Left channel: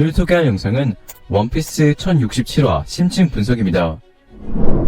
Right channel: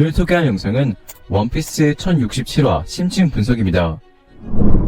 오늘 소개할 영상은 원피스 1067화 심층 분석입니다.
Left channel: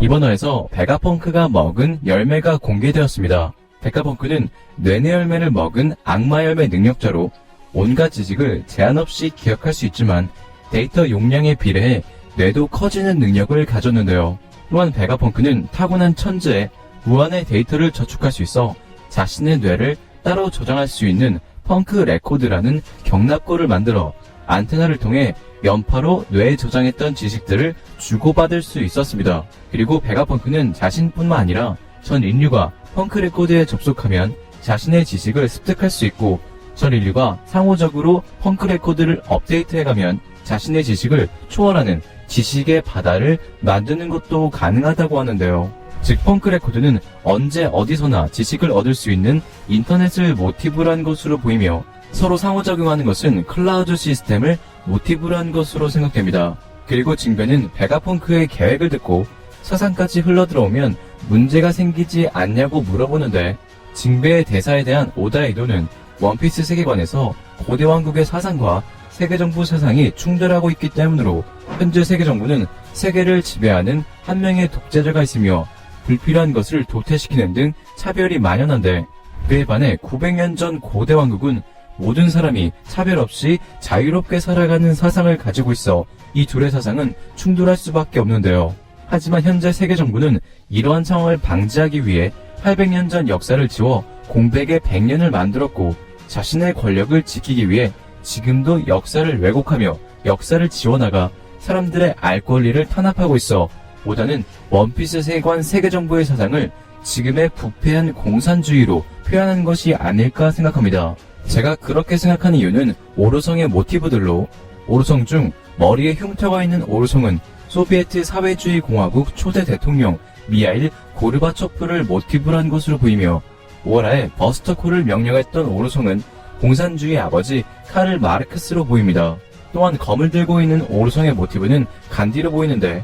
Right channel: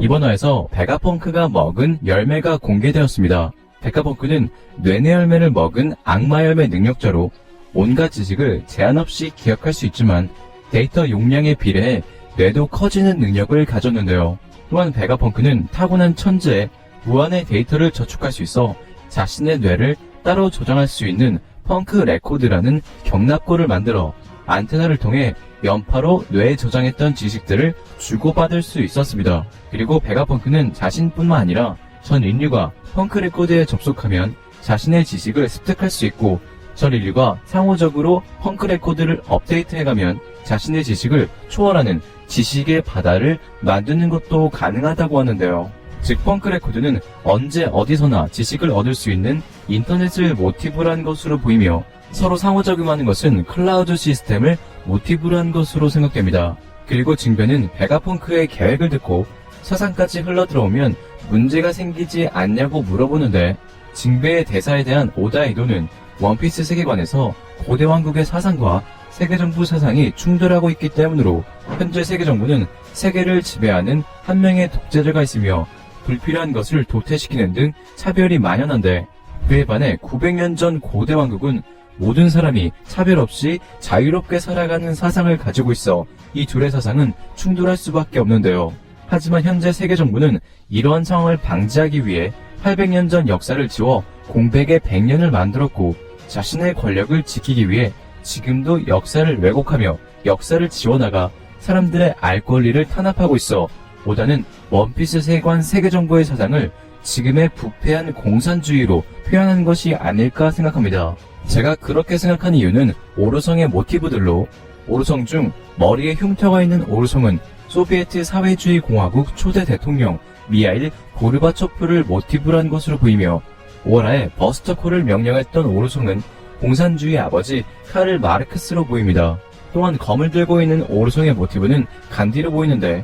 이번 화에서 베가펑크가 먹은 열매가 공개되었습니다. 베가펑크는 뇌내 열매를 먹은 악마 열매 능력자로 온갖 지식을 제한 없이 기억할 수 있지만 데이터 용량에 비례해 뇌도 커지는 능력을 가졌는데요. 또한 베가펑크는 타고난 천재에 무한의 데이터를 저축할 수 있어 자신의 뇌를 따로 조정할 수 있는 펑크 레코드라는 경납고를 만들어 안테나를 통해 연파로 뇌에 저장했던 지식들을 주고받을 수 있었습니다. 그리고 베가펑크는 자신뿐만 아니라 전 인류가 펑크 레코드에 접속하면 자신의 지식을 습득할 수 있고 전 인류가 상호적으로 펑크 레코드를 업데이트해가면 자신의 지식을 초월하는 지식의 바다를 만드는 것도 가능하다고 하는데요. 즉 펑크 레코드는 언제 어디서나 지식을 얻을 수 있는 인터넷을 모티브로 한 것으로 보이며 서로 상호작용하는 것은 클라우드 시스템을 모티브로 한 것으로 생각됩니다. 그리고 징베는 베가펑크의 계획을 듣고 서상까지 흘러들어오면 문제가 생기지 않냐고 물어보는데 징베의 대사에 대한 오다의 의도는 원피스 세계관에서 고대 왕국의 사상과 세계정부 사상이 충돌하고 있기 때문으로 현재 세계정부는 세계를 지배하는 한 명의 독재자가 있으며 불필요한 것을 도태시키는 등 차별이 만연한데 그에 반해 900년 전 고대 왕국은 모든 사람이 차별 없이 자유롭게 살아가는 사상을 가지고 있어 이 둘의 사상은 충돌할 수밖에 없는데요. 하지만 현재 세계정부는 이러한 상황을 방지하기 위해 800년 전 역사를 지워 공백의 100년을 만들었고 자신의 권력을 지키기 위해 지금도 역사를 왜곡하며 역사를 지워나가 사람들의 알 권리를 탄압하고 있어 오다는 원피스 세계관 세계정부의 사상을 지금의 부패한 공산주의로 표현한 것이 아닐까 생각합니다. 제가 그렇게 생각하는 이유는 오르성의 모티브들로 오르성 중 머리에 흉터가 있는 오르성은 소비에트 사회주의 공화국 초대 대통령 미하일 고르바초프를 모티브로 한 것으로 보이며 오하라의 버스터콜을 명령했던 오르성은 공산주의 아버지 카를 마르크스로 보입니다. 또한 검을 들고 있는 오르성의 모티브는 간디로 보이는데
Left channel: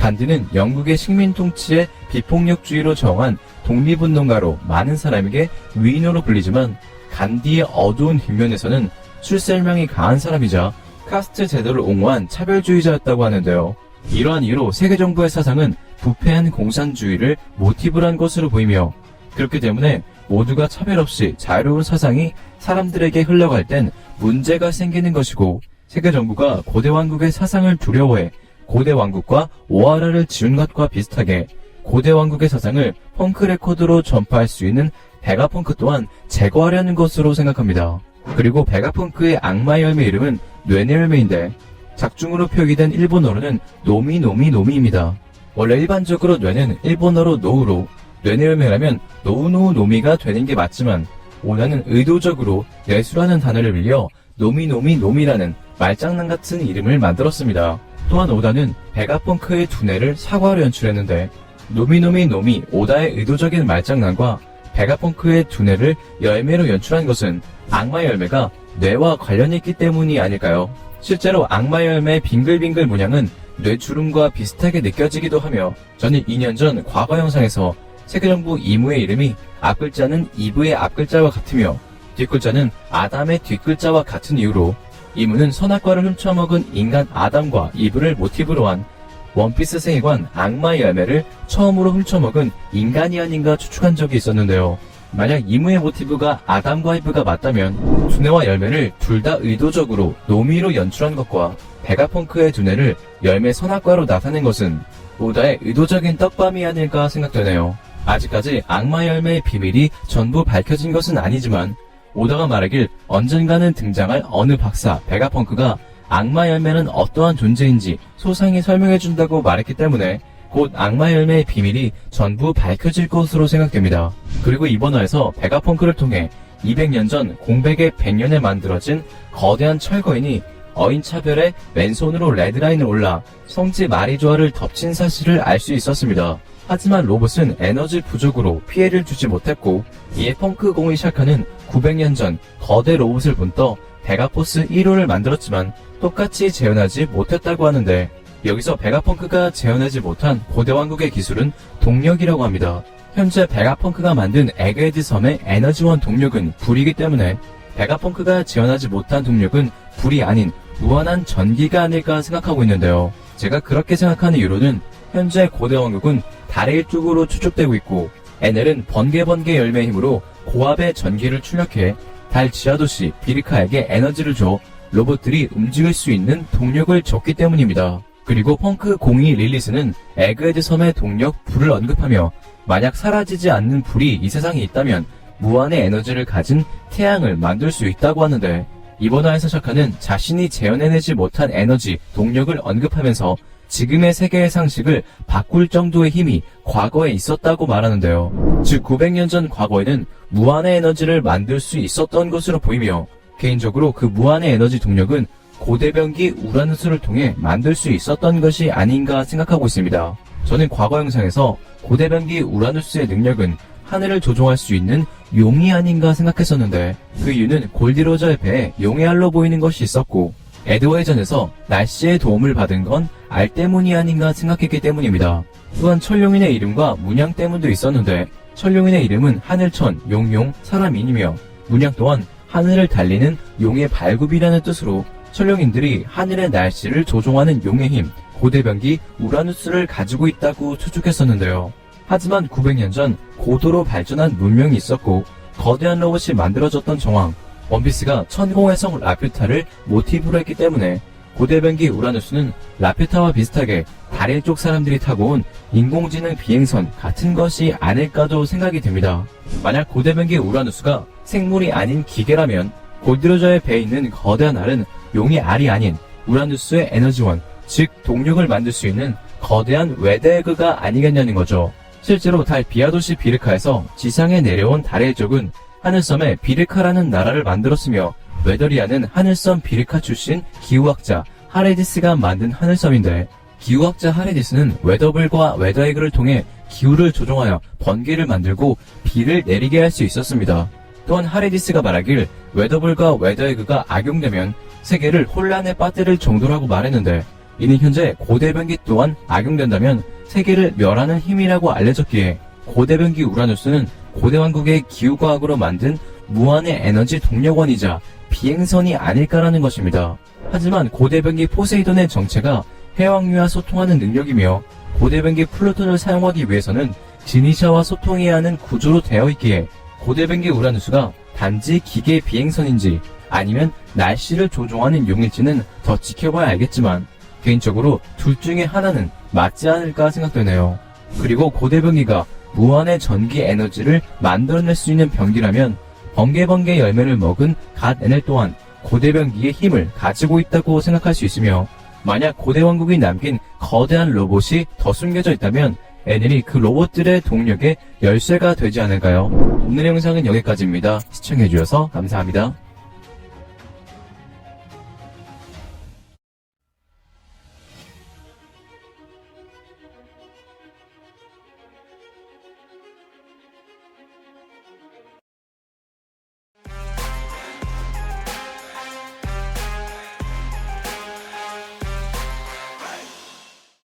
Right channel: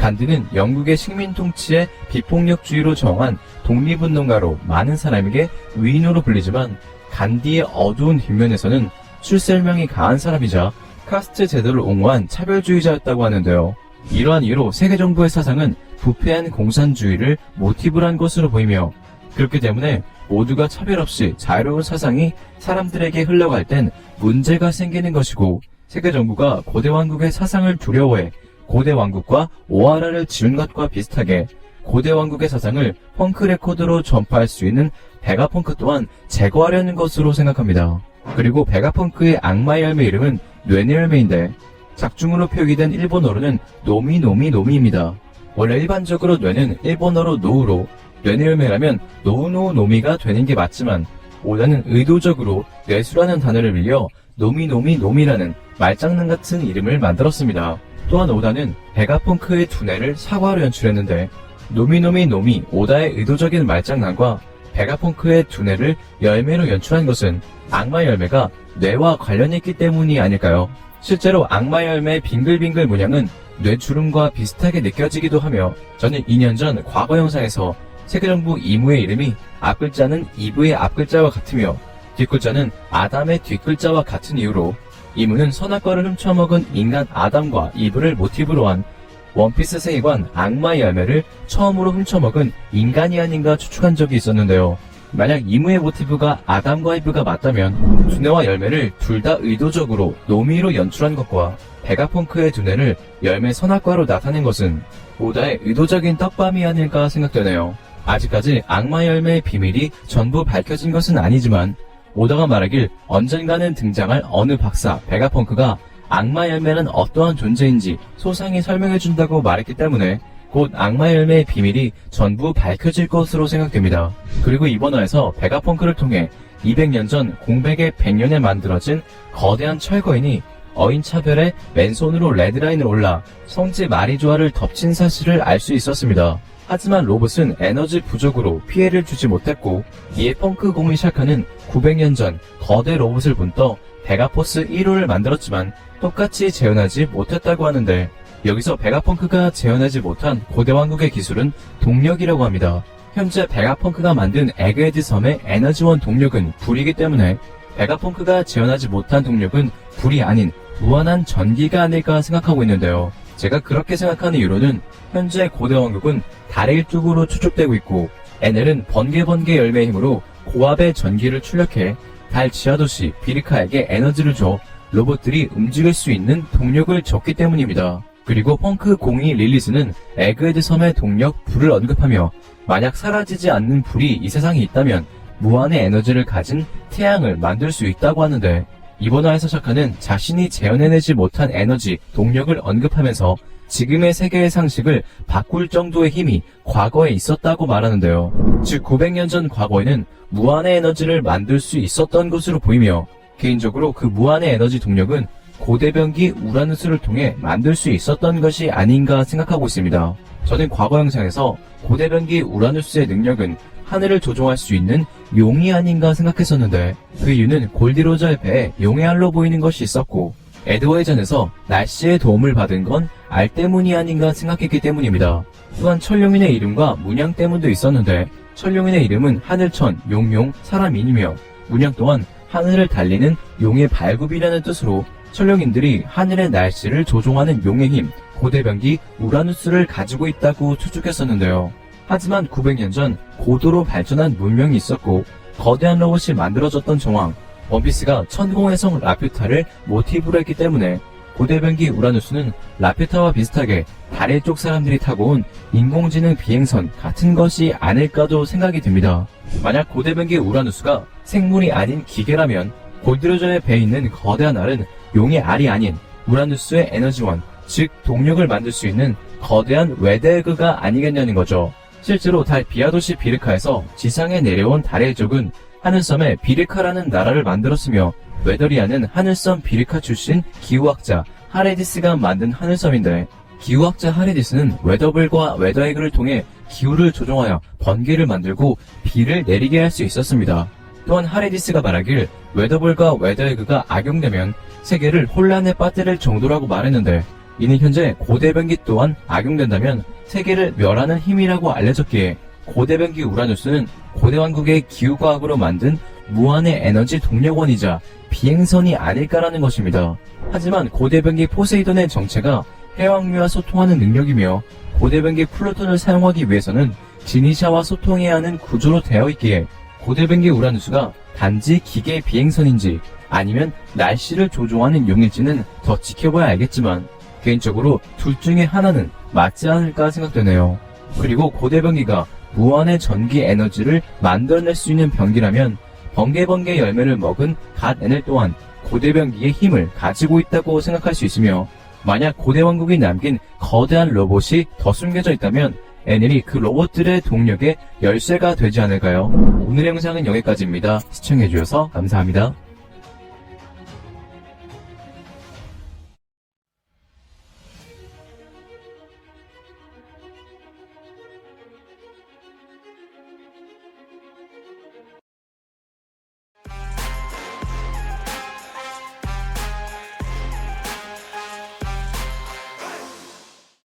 간디는 영국의 식민 통치의 비폭력주의로 정한 독립운동가로 많은 사람에게 위인으로 불리지만 간디의 어두운 뒷면에서는 출세명이 강한 사람이자 카스트 제도를 옹호한 차별주의자였다고 하는데요. 이러한 이유로 세계정부의 사상은 부패한 공산주의를 모티브로 한 것으로 보이며 그렇기 때문에 모두가 차별 없이 자유로운 사상이 사람들에게 흘러갈 땐 문제가 생기는 것이고 세계정부가 고대 왕국의 사상을 두려워해 고대 왕국과 오하라를 지은 것과 비슷하게 고대 왕국의 사상을 펑크 레코드로 전파할 수 있는 베가펑크 또한 제거하려는 것으로 생각합니다. 그리고 베가펑크의 악마의 열매 이름은 뇌내 열매인데 작중으로 표기된 일본어로는 노미노미노미입니다. 원래 일반적으로 뇌는 일본어로 노우로 뇌내 열매라면 노우노우노미가 되는 게 맞지만 오다는 의도적으로 뇌수라는 단어를 빌려 노미노미노미라는 말장난 같은 이름을 만들었습니다. 또한 오다는 베가펑크의 두뇌를 사과로 연출했는데 노미노미노미 오다의 의도적인 말장난과 베가펑크의 두뇌를 열매로 연출한 것은 악마 열매가 뇌와 관련이 있기 때문이 아닐까요? 실제로 악마 열매의 빙글빙글 모양은 뇌주름과 비슷하게 느껴지기도 하며 저는 2년 전 과거 영상에서 세계정부 이무의 이름이 앞글자는 이브의 앞글자와 같으며 뒷글자는 아담의 뒷글자와 같은 이유로 이무는 선악과를 훔쳐먹은 인간 아담과 이브를 모티브로 한 원피스 세계관 악마 열매를 처음으로 훔쳐먹은 인간이 아닌가 추측한 적이 있었는데요. 만약 이무의 모티브가 아담과 이브가 맞다면 두뇌와 열매를 둘 다 의도적으로 노미로 연출한 것과 베가펑크의 두뇌를 열매 선악과로 나타낸 것은 오다의 의도적인 떡밥이 아닐까 생각되네요. 아직까지 악마 열매의 비밀이 전부 밝혀진 것은 아니지만 오다가 말하길 언젠가는 등장할 어느 박사 베가펑크가 악마 열매는 어떠한 존재인지 소상히 설명해준다고 말했기 때문에 곧 악마 열매의 비밀이 전부 밝혀질 것으로 생각됩니다. 그리고 이번 화에서 베가펑크를 통해 200년 전 공백의 100년에 만들어진 거대한 철거인이 어인차별에 맨손으로 레드라인을 올라 성지 마리조아를 덮친 사실을 알 수 있었습니다. 하지만 로봇은 에너지 부족으로 피해를 주지 못했고 이에 펑크 공을 시작하는 900년 전 거대 로봇을 본떠 베가포스 1호를 만들었지만 똑같이 재현하지 못했다고 하는데 여기서 베가펑크가 재현하지 못한 고대 왕국의 기술은 동력이라고 합니다. 현재 베가펑크가 만든 에그헤드 섬의 에너지원 동력은 불이기 때문에 베가펑크가 재현하지 못한 동력은 불이 아닌 무한한 전기가 아닐까 생각하고 있는데요. 제가 그렇게 생각하는 이유로는 현재 고대 왕국은 달의 쪽으로 추측되고 있고 에넬은 번개 열매의 힘으로 고압의 전기를 출력해 달 지하도시 비르카에게 에너지를 줘 로봇들이 움직일 수 있는 동력을 줬기 때문입니다. 그리고 펑크 02 릴리스는 에그헤드 섬의 동력 불을 언급하며 만약 사라지지 않는 불이 이 세상에 있다면 무한의 에너지를 가진 태양을 만들 수 있다고 하는데 이번 화에서 샤카는 자신이 재현해내지 못한 에너지, 동력을 언급하면서 지금의 세계의 상식을 바꿀 정도의 힘이 과거에 있었다고 말하는데요. 즉 900년 전 과거에는 무한의 에너지를 만들 수 있었던 것으로 보이며 개인적으로 그 무한의 에너지 동력은 고대변기 우라누스를 통해 만들 수 있었던 것이 아닌가 생각하고 있습니다. 저는 과거 영상에서 고대변기 우라누스의 능력은 하늘을 조종할 수 있는 용이 아닌가 생각했었는데 그 이유는 골디로저의 배에 용의 알로 보이는 것이 있었고 에드워이전에서 날씨의 도움을 받은 건 알 때문이 아닌가 생각했기 때문입니다. 또한 철룡인의 이름과 문양 때문도 있었는데 철룡인의 이름은 하늘천, 용용, 사람인이며 문양 또한 하늘을 달리는 용의 발굽이라는 뜻으로 철룡인들이 하늘의 날씨를 조종하는 용의 힘, 고대변기 우라누스를 가지고 있다고 추측했었는데요. 하지만 900년 전 고도로 발전한 문명이 있었고 거대한 로봇이 만들어졌던 정황, 원피스가 천공의 성 라퓨타를 모티브로 했기 때문에 고대변기 우라누스는 라퓨타와 비슷하게 달의 쪽 사람들이 타고 온 인공지능 비행선 같은 것이 아닐까도 생각이 듭니다. 만약 고대변기 우라누스가 생물이 아닌 기계라면 골디로저의 배에 있는 거대한 알은 용의 알이 아닌 우라누스의 에너지원, 즉 동력을 만들 수 있는 거대한 웨데그가 아니겠냐는 거죠. 실제로 달 비하도시 비르카에서 지상에 내려온 달의 쪽은 하늘섬에 비르카라는 나라를 만들었으며 웨더리아는 하늘섬 비르카 출신 기후학자 하레디스가 만든 하늘섬인데 기후학자 하레디스는 웨더블과 웨더에그를 통해 기후를 조종하여 번개를 만들고 비를 내리게 할 수 있었습니다. 또한 하레디스가 말하길 웨더블과 웨더에그가 악용되면 세계를 혼란에 빠뜨릴 정도라고 말했는데 이는 현재 고대변기 또한 악용된다면 세계를 멸하는 힘이라고 알려졌기에 고대변기 우라누스는 고대왕국의 기후과학으로 만든 무한의 에너지 동력원이자 비행선이 아닐까라는 것입니다. 하지만 고대변기 포세이돈의 정체가 해왕류와 소통하는 능력이며 고대변기 플루톤을 사용하기 위해서는 지니샤와 소통해야 하는 구조로 되어 있기에 고대변기 우라누스가 단지 기계 비행선인지 아니면 날씨를 조종하는 용일지는 더 지켜봐야 알겠지만 개인적으로 둘 중에 하나는 맞지 않을까 생각되네요. 그리고 고대변기가 무한의 전기 에너지를 만들어낼 수 있는 변기라면 번개 열매를 먹은 갓 에넬 또한 고대변기의 힘을 가지고 있다고 생각할 수 있으며 만약 고대왕국이 남긴 거대한 로봇이 더 숨겨져 있다면 에넬이 그 로봇들의 동력의 열쇠가 되지 않을까요? 오늘의 영상은 여기까지입니다. 시청해주셔서 감사합니다.